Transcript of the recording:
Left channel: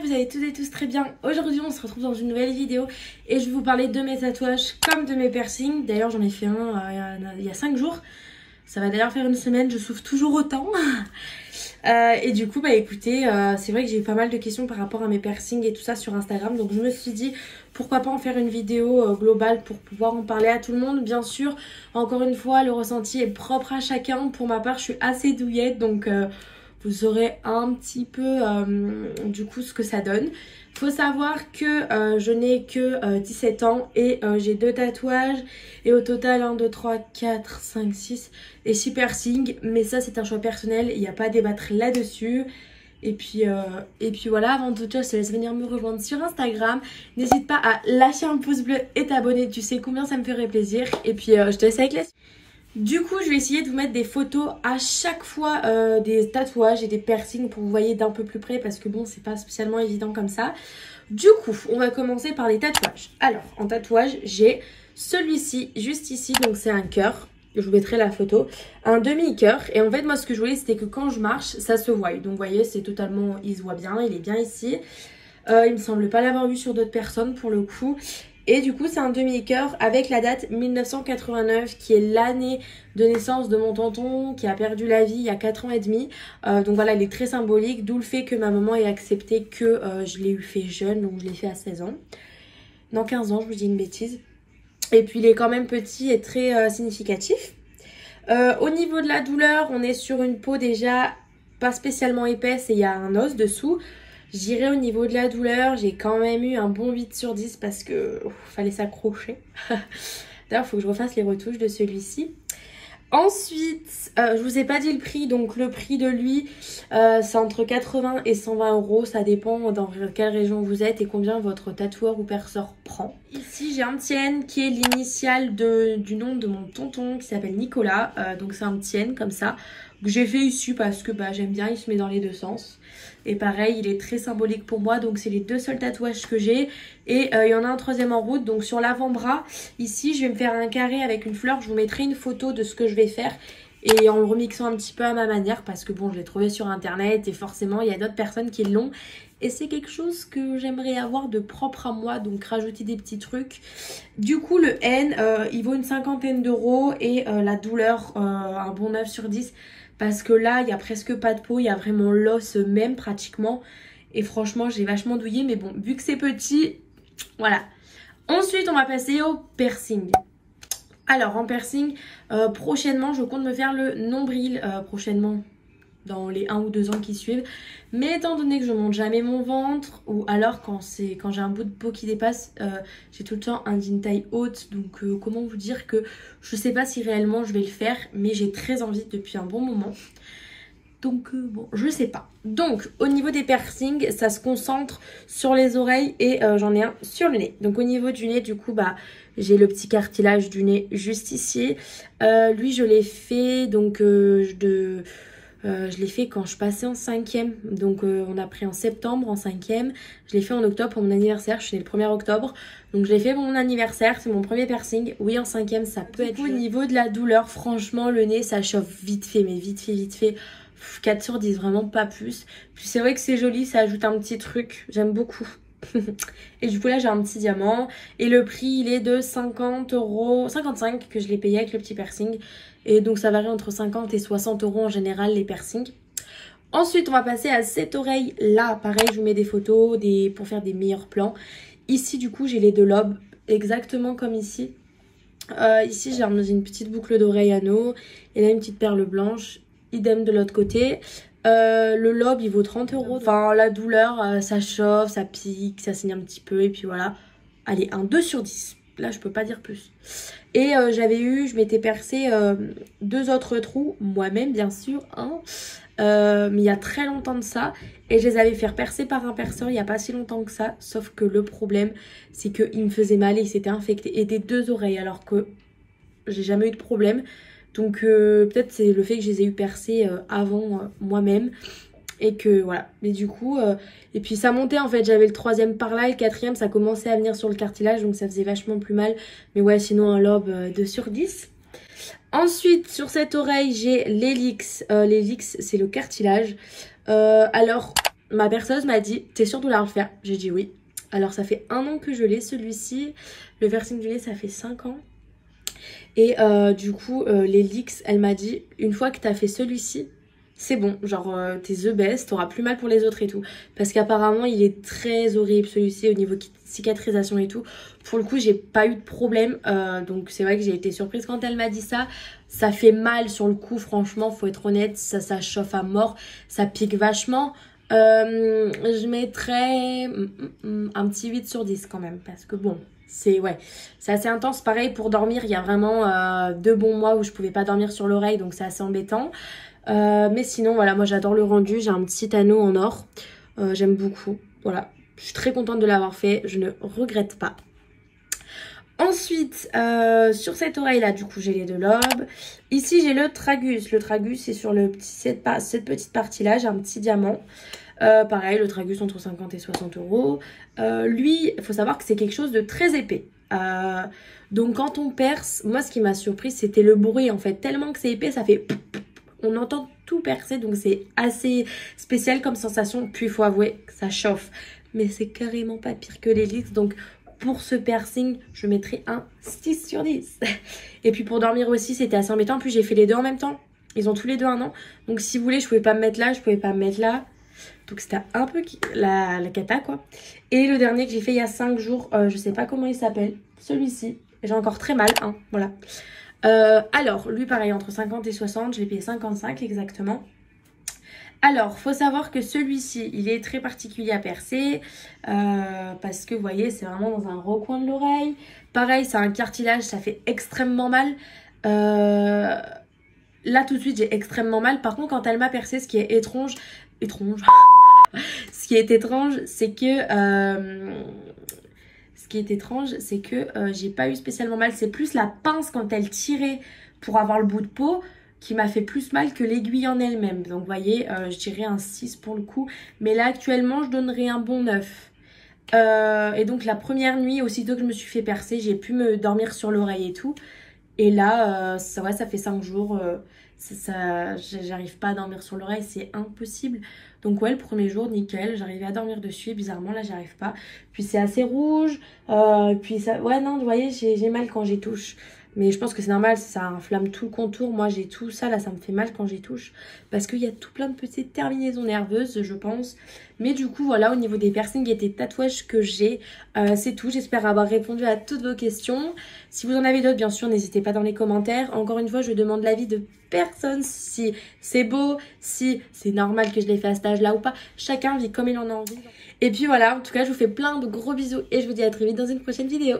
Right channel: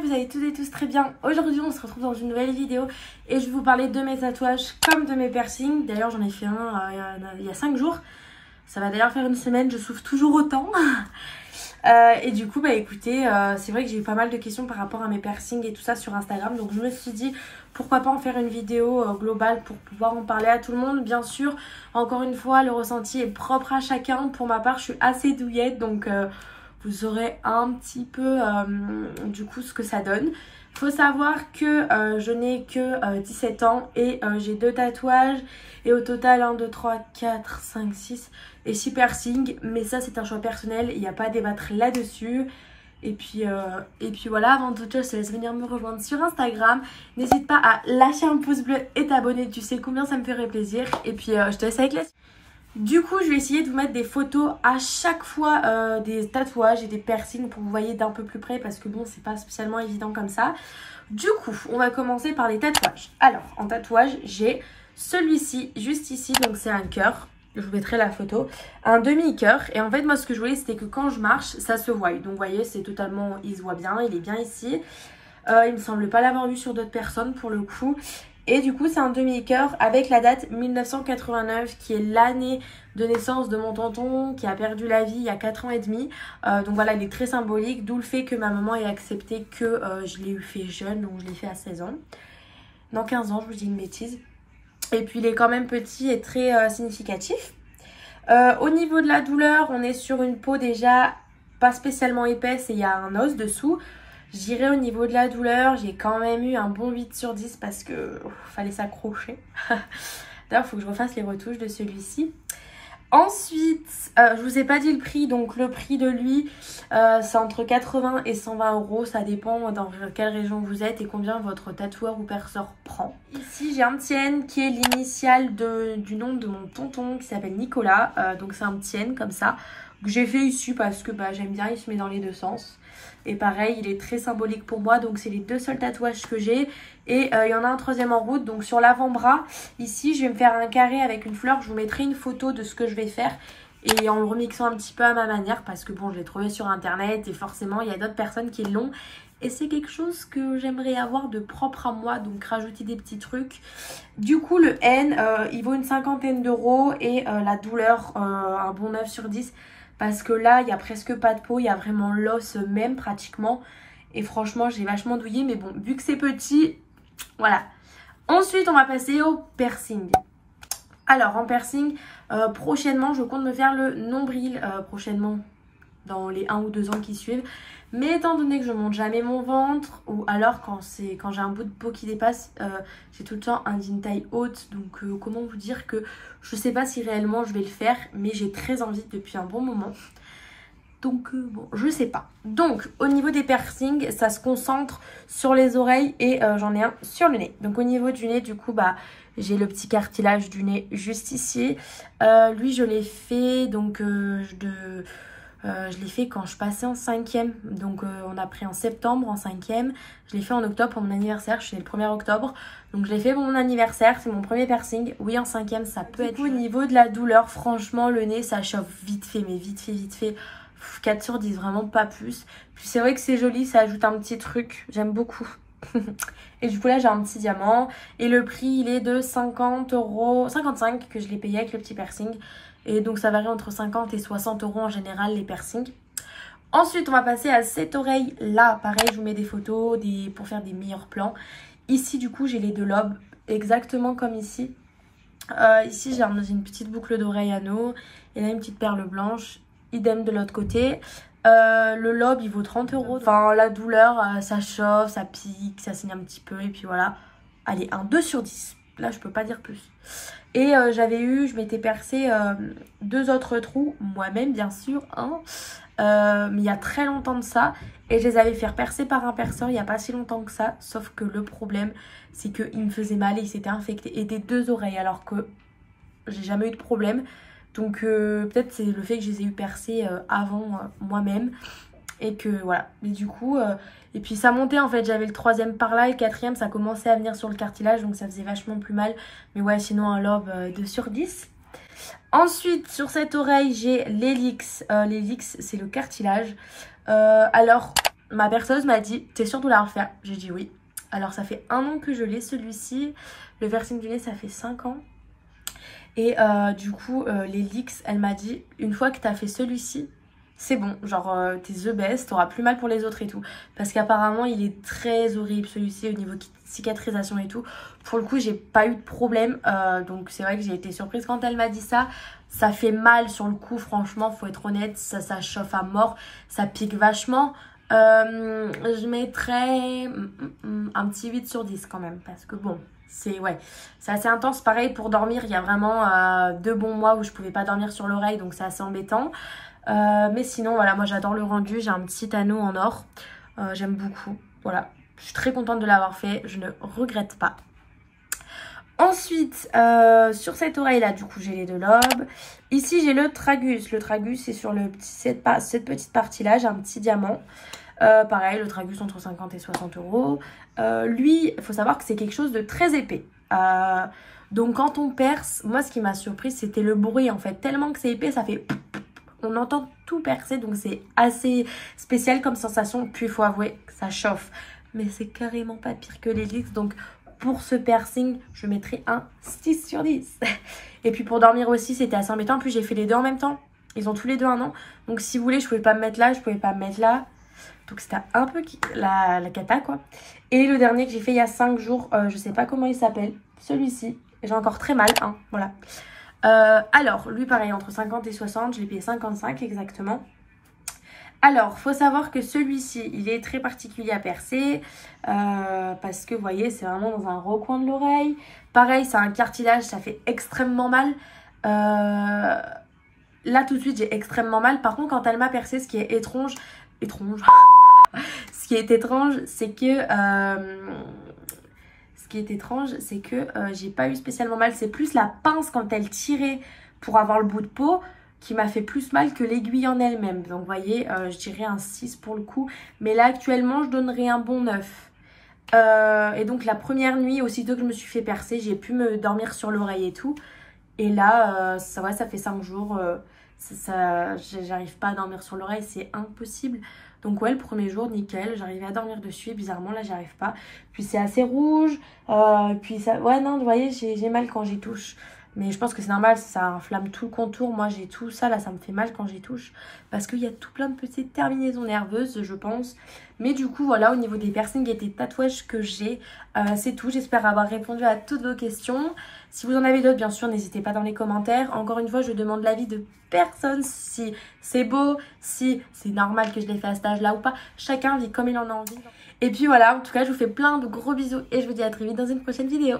que vous allez toutes et tous très bien. Aujourd'hui on se retrouve dans une nouvelle vidéo et je vais vous parler de mes tatouages comme de mes piercings. D'ailleurs j'en ai fait un il y a 5 jours. Ça va d'ailleurs faire une semaine, je souffre toujours autant. Et du coup bah écoutez, c'est vrai que j'ai eu pas mal de questions par rapport à mes piercings et tout ça sur Instagram. Donc je me suis dit pourquoi pas en faire une vidéo globale pour pouvoir en parler à tout le monde. Bien sûr, encore une fois le ressenti est propre à chacun. Pour ma part je suis assez douillette donc... vous saurez un petit peu du coup ce que ça donne. Faut savoir que je n'ai que 17 ans et j'ai 2 tatouages. Et au total 1, 2, 3, 4, 5, 6 et 6 piercings. Mais ça c'est un choix personnel, il n'y a pas à débattre là-dessus. Et puis voilà, avant toute chose, je te laisse venir me rejoindre sur Instagram. N'hésite pas à lâcher un pouce bleu et t'abonner, tu sais combien ça me ferait plaisir. Et puis je te laisse avec la suite. Du coup, je vais essayer de vous mettre des photos à chaque fois des tatouages et des piercings pour que vous voyez d'un peu plus près parce que bon, c'est pas spécialement évident comme ça. Du coup, on va commencer par les tatouages. Alors, en tatouage, j'ai celui-ci, juste ici, donc c'est un cœur. Je vous mettrai la photo. Un demi-cœur. Et en fait, moi, ce que je voulais, c'était que quand je marche, ça se voie. Donc, vous voyez, c'est totalement... Il se voit bien, il est bien ici. Il me semble pas l'avoir vu sur d'autres personnes pour le coup. Et du coup c'est un demi-cœur avec la date 1989 qui est l'année de naissance de mon tonton qui a perdu la vie il y a 4 ans et demi. Donc voilà, il est très symbolique, d'où le fait que ma maman ait accepté que je l'ai eu fait jeune, donc je l'ai fait à 16 ans. Non, 15 ans, je vous dis une bêtise. Et puis il est quand même petit et très significatif. Au niveau de la douleur, on est sur une peau déjà pas spécialement épaisse et il y a un os dessous. Je dirais au niveau de la douleur, j'ai quand même eu un bon 8 sur 10 parce que fallait s'accrocher. D'ailleurs, il faut que je refasse les retouches de celui-ci. Ensuite, je vous ai pas dit le prix. Donc le prix de lui, c'est entre 80 et 120 euros. Ça dépend dans quelle région vous êtes et combien votre tatoueur ou perceur prend. Ici, j'ai un petit N qui est l'initiale du nom de mon tonton qui s'appelle Nicolas. Donc c'est un petit N comme ça. Que j'ai fait ici parce que j'aime bien, il se met dans les deux sens. Et pareil, il est très symbolique pour moi. Donc c'est les 2 seuls tatouages que j'ai. Et il y en a un troisième en route. Donc sur l'avant-bras, ici, je vais me faire un carré avec une fleur. Je vous mettrai une photo de ce que je vais faire. Et en le remixant un petit peu à ma manière. Parce que bon, je l'ai trouvé sur internet. Et forcément, il y a d'autres personnes qui l'ont. Et c'est quelque chose que j'aimerais avoir de propre à moi. Donc rajouter des petits trucs. Du coup, le N, il vaut une 50aine d'euros. Et la douleur, un bon 9 sur 10. Parce que là, il n'y a presque pas de peau, il y a vraiment l'os même pratiquement. Et franchement, j'ai vachement douillé. Mais bon, vu que c'est petit, voilà. Ensuite, on va passer au piercing. Alors, en piercing, prochainement, je compte me faire le nombril. Prochainement, dans les 1 ou 2 ans qui suivent. Mais étant donné que je monte jamais mon ventre, ou alors quand j'ai un bout de peau qui dépasse, j'ai tout le temps une taille haute. Donc comment vous dire que je sais pas si réellement je vais le faire, mais j'ai très envie depuis un bon moment. Donc bon, je sais pas. Donc au niveau des piercings, ça se concentre sur les oreilles et j'en ai un sur le nez. Donc au niveau du nez, du coup j'ai le petit cartilage du nez juste ici. Lui je l'ai fait donc je l'ai fait quand je passais en 5e. Donc on a pris en septembre en 5e. Je l'ai fait en octobre pour mon anniversaire. Je suis née le 1er octobre. Donc je l'ai fait pour mon anniversaire. C'est mon premier piercing. Oui, en 5e ça peut être... Au niveau de la douleur, franchement le nez ça chauffe vite fait. Mais vite fait. 4 sur 10, vraiment pas plus. Puis c'est vrai que c'est joli, ça ajoute un petit truc. J'aime beaucoup. Et du coup là j'ai un petit diamant. Et le prix il est de 50 euros, 55 que je l'ai payé avec le petit piercing. Et donc ça varie entre 50 et 60 euros en général les piercings. Ensuite on va passer à cette oreille là. Pareil je vous mets des photos pour faire des meilleurs plans. Ici du coup j'ai les 2 lobes exactement comme ici. Ici j'ai une petite boucle d'oreille anneau. Et là une petite perle blanche. Idem de l'autre côté. Le lobe il vaut 30 euros. Enfin la douleur ça chauffe, ça pique, ça saigne un petit peu. Et puis voilà. Allez, un 2 sur 10. Là je peux pas dire plus. Et je m'étais percé 2 autres trous, moi-même bien sûr, hein, mais il y a très longtemps de ça. Et je les avais fait percer par un perceur il n'y a pas si longtemps que ça. Sauf que le problème, c'est qu'il me faisait mal et il s'était infecté. Et des 2 oreilles alors que j'ai jamais eu de problème. Donc peut-être c'est le fait que je les ai eu percés avant moi-même. Et que voilà, mais du coup, et puis ça montait en fait, j'avais le 3e par là, et le 4e ça commençait à venir sur le cartilage, donc ça faisait vachement plus mal. Mais ouais, sinon un lobe 2 sur 10. Ensuite, sur cette oreille, j'ai l'hélix. L'hélix, c'est le cartilage. Alors, ma perceuse m'a dit t'es sûre de vouloir le faire? J'ai dit oui. Alors ça fait 1 an que je l'ai celui-ci. Le piercing du nez ça fait 5 ans. Et du coup les leaks elle m'a dit une fois que t'as fait celui-ci c'est bon, genre t'es the best, t'auras plus mal pour les autres et tout. Parce qu'apparemment il est très horrible celui-ci au niveau cicatrisation et tout. Pour le coup j'ai pas eu de problème, donc c'est vrai que j'ai été surprise quand elle m'a dit ça. Ça fait mal sur le coup, franchement faut être honnête, ça chauffe à mort, ça pique vachement. Je mettrais un petit 8 sur 10 quand même, parce que bon... C'est assez intense. Pareil pour dormir, il y a vraiment 2 bons mois où je pouvais pas dormir sur l'oreille, donc c'est assez embêtant. Mais sinon voilà, moi j'adore le rendu. J'ai un petit anneau en or, j'aime beaucoup. Voilà, je suis très contente de l'avoir fait, je ne regrette pas. Ensuite sur cette oreille là du coup j'ai les 2 lobes. Ici j'ai le tragus. Le tragus c'est sur cette petite partie là, j'ai un petit diamant. Pareil, le tragus entre 50 et 60 euros. Lui, il faut savoir que c'est quelque chose de très épais. Donc quand on perce, moi ce qui m'a surpris c'était le bruit en fait. Tellement que c'est épais, ça fait... On entend tout percer, donc c'est assez spécial comme sensation. Puis il faut avouer que ça chauffe. Mais c'est carrément pas pire que les leaks. Donc pour ce piercing, je mettrai un 6 sur 10. Et puis pour dormir aussi, c'était assez embêtant. Puis j'ai fait les 2 en même temps. Ils ont tous les 2 1 an. Donc si vous voulez, je pouvais pas me mettre là, je pouvais pas me mettre là. Donc c'était un peu la cata quoi. Et le dernier que j'ai fait il y a 5 jours, je sais pas comment il s'appelle, celui-ci. J'ai encore très mal, hein, voilà. Alors, lui pareil, entre 50 et 60, je l'ai payé 55 exactement. Alors, faut savoir que celui-ci, il est très particulier à percer. Parce que vous voyez, c'est vraiment dans un recoin de l'oreille. Pareil, c'est un cartilage, ça fait extrêmement mal. Là tout de suite, j'ai extrêmement mal. Par contre, quand elle m'a percé, ce qui est étrange... Ce qui est étrange, c'est que j'ai pas eu spécialement mal. C'est plus la pince quand elle tirait pour avoir le bout de peau qui m'a fait plus mal que l'aiguille en elle-même. Donc vous voyez, je dirais un 6 pour le coup. Mais là actuellement, je donnerais un bon 9. Et donc la première nuit, aussitôt que je me suis fait percer, j'ai pu me dormir sur l'oreille et tout. Et là, ça fait 5 jours... j'arrive pas à dormir sur l'oreille, c'est impossible. Donc ouais, le premier jour nickel, j'arrivais à dormir dessus et bizarrement là j'arrive pas. Puis c'est assez rouge, puis ça, ouais non vous voyez j'ai mal quand j'y touche. Mais je pense que c'est normal, ça inflamme tout le contour. Moi j'ai tout ça là, ça me fait mal quand j'y touche. Parce qu'il y a tout plein de petites terminaisons nerveuses je pense. Mais du coup voilà, au niveau des piercings et des tatouages que j'ai, c'est tout. J'espère avoir répondu à toutes vos questions. Si vous en avez d'autres bien sûr, n'hésitez pas dans les commentaires. Encore une fois, je demande l'avis de personne si c'est beau, si c'est normal que je l'ai fait à cet âge là ou pas. Chacun vit comme il en a envie. Et puis voilà, en tout cas je vous fais plein de gros bisous et je vous dis à très vite dans une prochaine vidéo.